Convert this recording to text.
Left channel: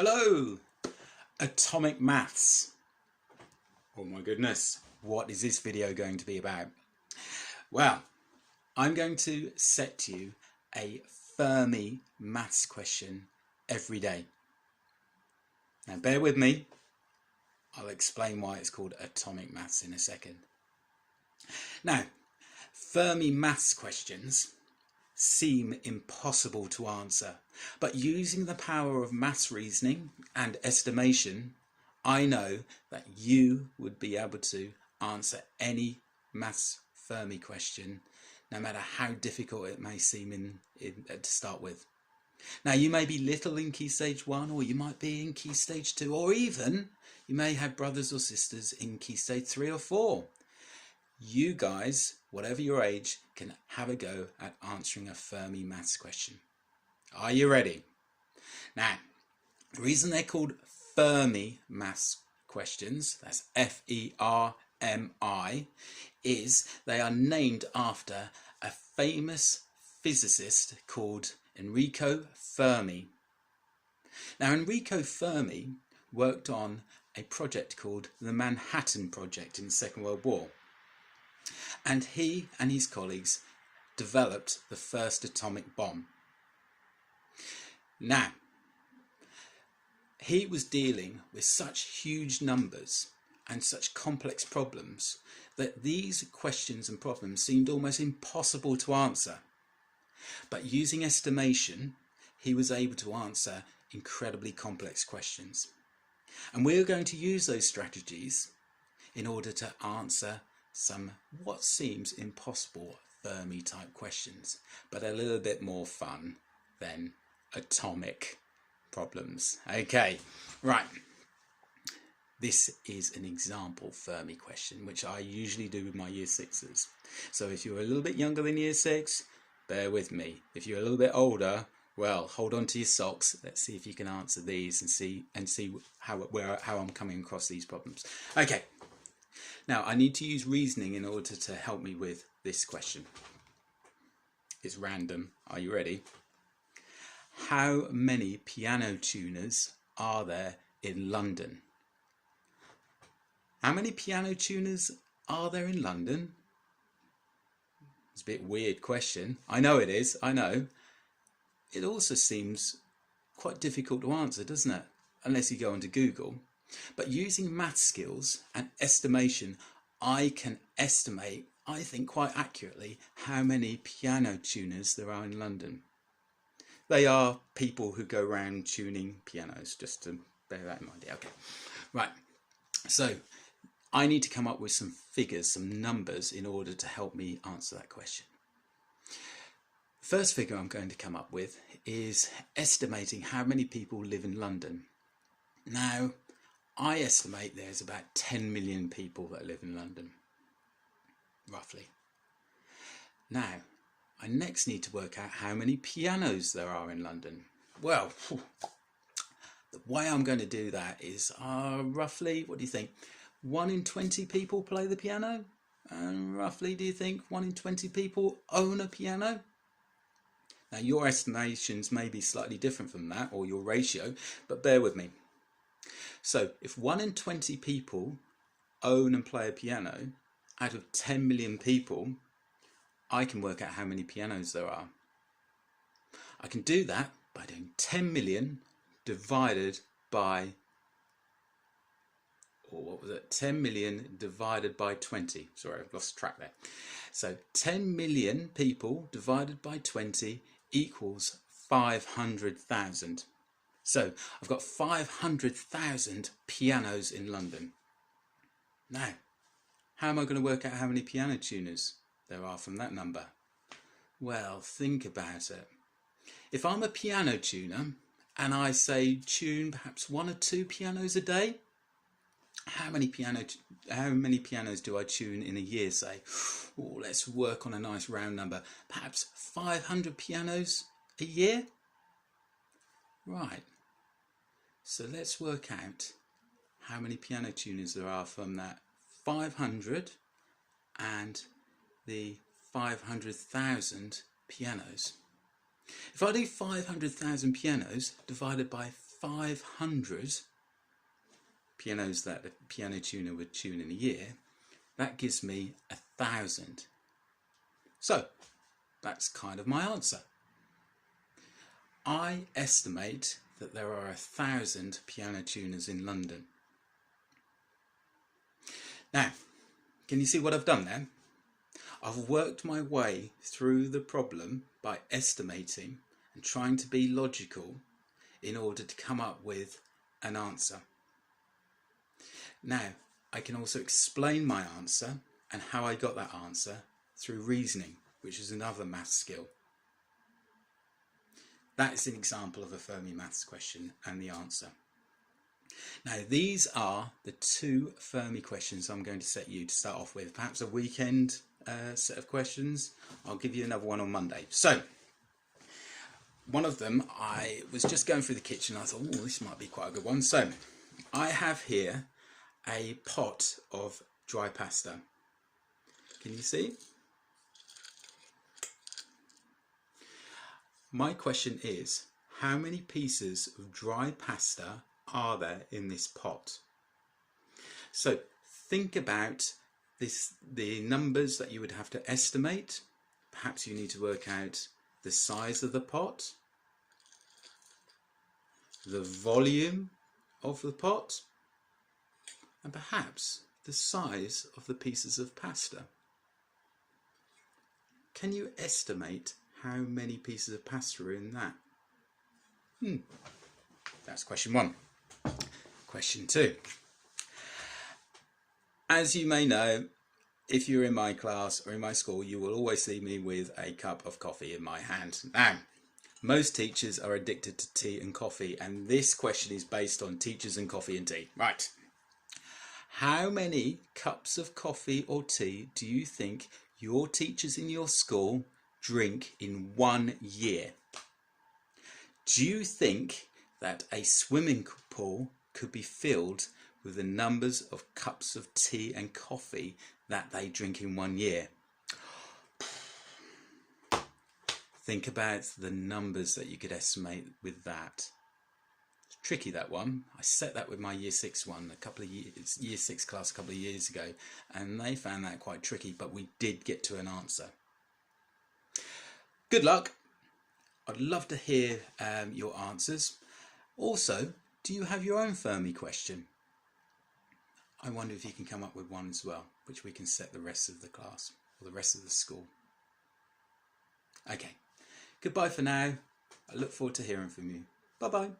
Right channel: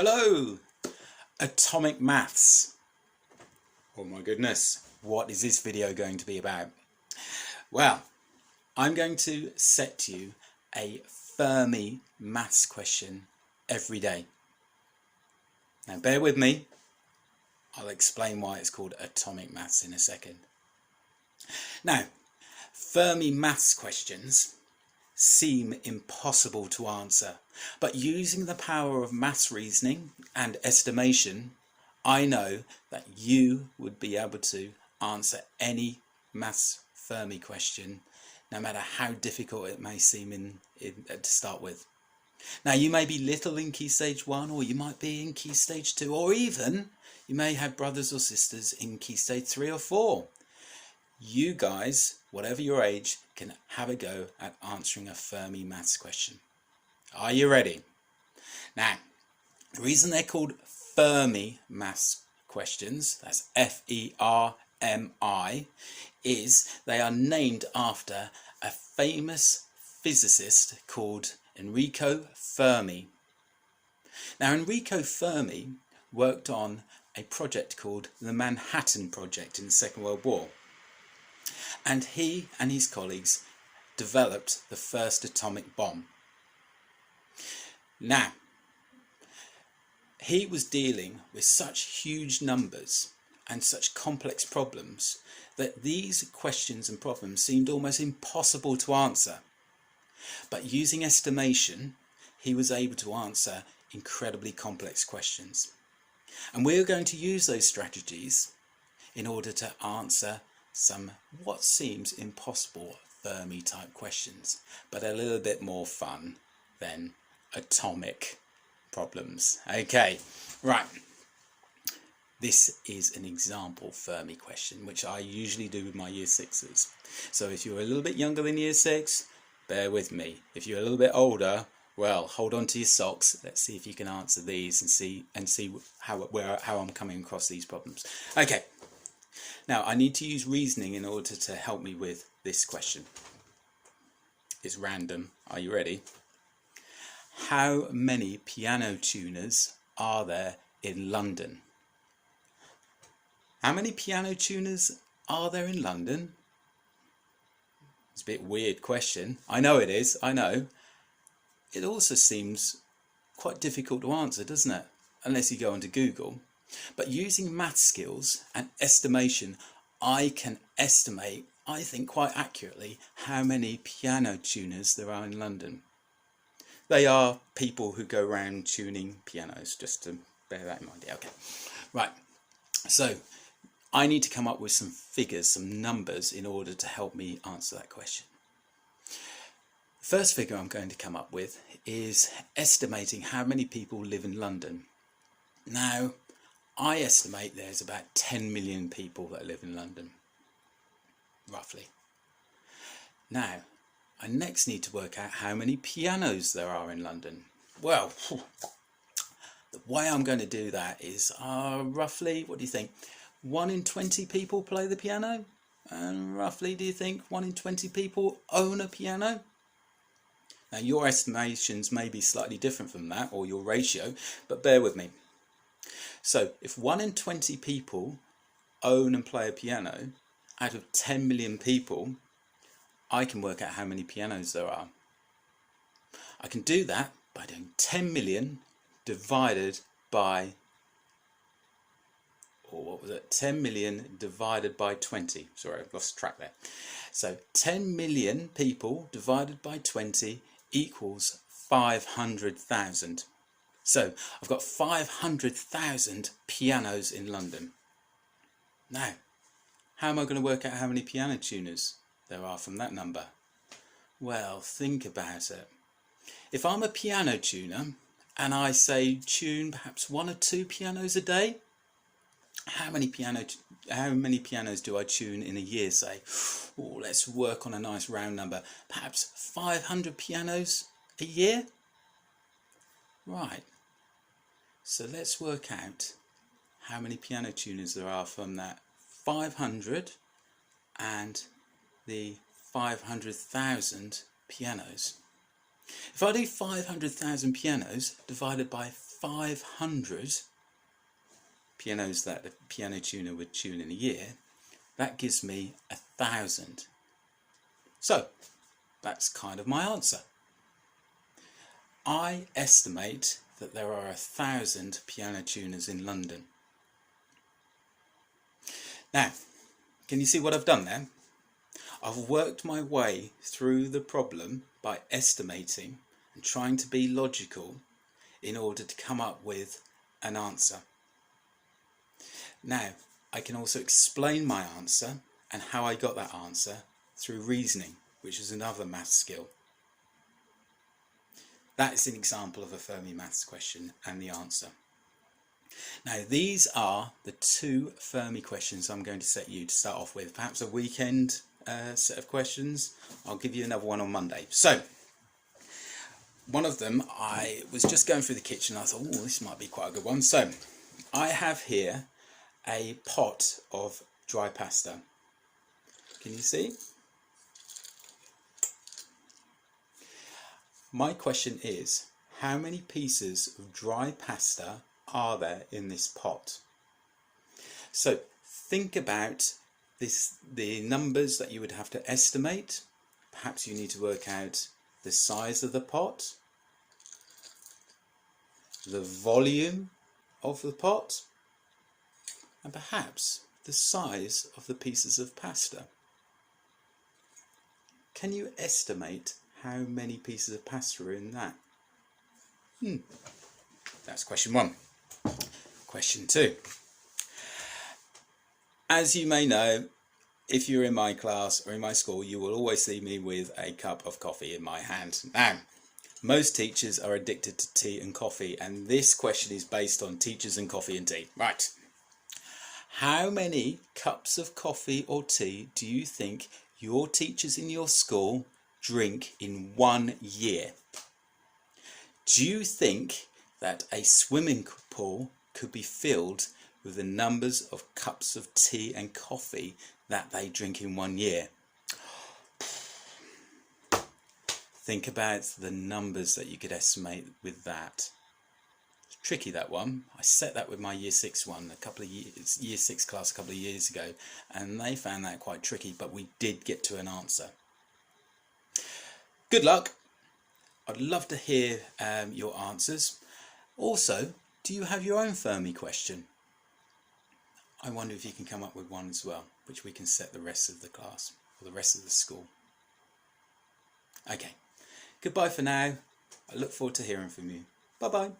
Hello! Atomic maths. Oh my goodness, what is this video going to be about? Well, I'm going to set you a Fermi maths question every day. Now bear with me, I'll explain why it's called atomic maths in a second. Now, Fermi maths questions seem impossible to answer, but using the power of maths reasoning and estimation, I know that you would be able to answer any maths Fermi question, no matter how difficult it may seem to start with. Now, you may be little in Key Stage 1, or you might be in Key Stage 2, or even you may have brothers or sisters in Key Stage 3 or 4. You guys, whatever your age, can have a go at answering a Fermi maths question. Are you ready? Now, the reason they're called Fermi maths questions, that's F-E-R-M-I, is they are named after a famous physicist called Enrico Fermi. Now, Enrico Fermi worked on a project called the Manhattan Project in the Second World War. And he and his colleagues developed the first atomic bomb. Now, he was dealing with such huge numbers and such complex problems that these questions and problems seemed almost impossible to answer. But using estimation, he was able to answer incredibly complex questions. And we're going to use those strategies in order to answer some what seems impossible Fermi type questions, but a little bit more fun than atomic problems. Okay, right. This is an example Fermi question, which I usually do with my Year 6s. So if you're a little bit younger than Year 6, bear with me. If you're a little bit older, well, hold on to your socks. Let's see if you can answer these and see how I'm coming across these problems. Okay. Now, I need to use reasoning in order to help me with this question. It's random. Are you ready? How many piano tuners are there in London? How many piano tuners are there in London? It's a bit weird question. I know it is, I know. It also seems quite difficult to answer, doesn't it? Unless you go onto Google. But using math skills and estimation, I can estimate, I think quite accurately, how many piano tuners there are in London. They are people who go around tuning pianos, just to bear that in mind. Yeah, okay. Right, so I need to come up with some figures, some numbers, in order to help me answer that question. The first figure I'm going to come up with is estimating how many people live in London. Now, I estimate there's about 10 million people that live in London, roughly. Now, I next need to work out how many pianos there are in London. Well, the way I'm going to do that is roughly, what do you think? 1 in 20 people play the piano? And roughly, do you think 1 in 20 people own a piano? Now, your estimations may be slightly different from that, or your ratio, but bear with me. So, if 1 in 20 people own and play a piano, out of 10 million people, I can work out how many pianos there are. I can do that by doing 10 million divided by, or what was it? 10 million divided by 20. Sorry, I've lost track there. So 10 million people divided by 20 equals 500,000. So I've got 500,000 pianos in London. Now, how am I going to work out how many piano tuners there are from that number? Well, think about it. If I'm a piano tuner and I say tune perhaps 1 or 2 pianos a day, how many pianos do I tune in a year, say? Oh, let's work on a nice round number. Perhaps 500 pianos a year? Right. So let's work out how many piano tuners there are from that 500 and the 500,000 pianos. If I do 500,000 pianos divided by 500 pianos that a piano tuner would tune in a year, that gives me 1,000. So that's kind of my answer. I estimate that there are 1,000 piano tuners in London. Now, can you see what I've done there? I've worked my way through the problem by estimating and trying to be logical in order to come up with an answer. Now, I can also explain my answer and how I got that answer through reasoning, which is another maths skill. That is an example of a Fermi maths question and the answer. Now, these are the 2 Fermi questions I'm going to set you to start off with. Perhaps a weekend set of questions. I'll give you another one on Monday. So, one of them, I was just going through the kitchen and I thought, oh, this might be quite a good one. So, I have here a pot of dry pasta. Can you see? My question is, how many pieces of dry pasta are there in this pot? So think about the numbers that you would have to estimate. Perhaps you need to work out the size of the pot, the volume of the pot, and perhaps the size of the pieces of pasta. Can you estimate how many pieces of pasta are in that? That's question 1. Question 2. As you may know, if you're in my class or in my school, you will always see me with a cup of coffee in my hand. Now, most teachers are addicted to tea and coffee, and this question is based on teachers and coffee and tea. Right. How many cups of coffee or tea do you think your teachers in your school drink in 1 year? Do you think that a swimming pool could be filled with the numbers of cups of tea and coffee that they drink in 1 year? Think about the numbers that you could estimate with that. It's tricky, that one. I set that with my year 6 one year 6 class a couple of years ago, and they found that quite tricky, but we did get to an answer. Good luck. I'd love to hear your answers. Also, do you have your own Fermi question? I wonder if you can come up with one as well, which we can set the rest of the class or the rest of the school. Okay, goodbye for now. I look forward to hearing from you. Bye-bye.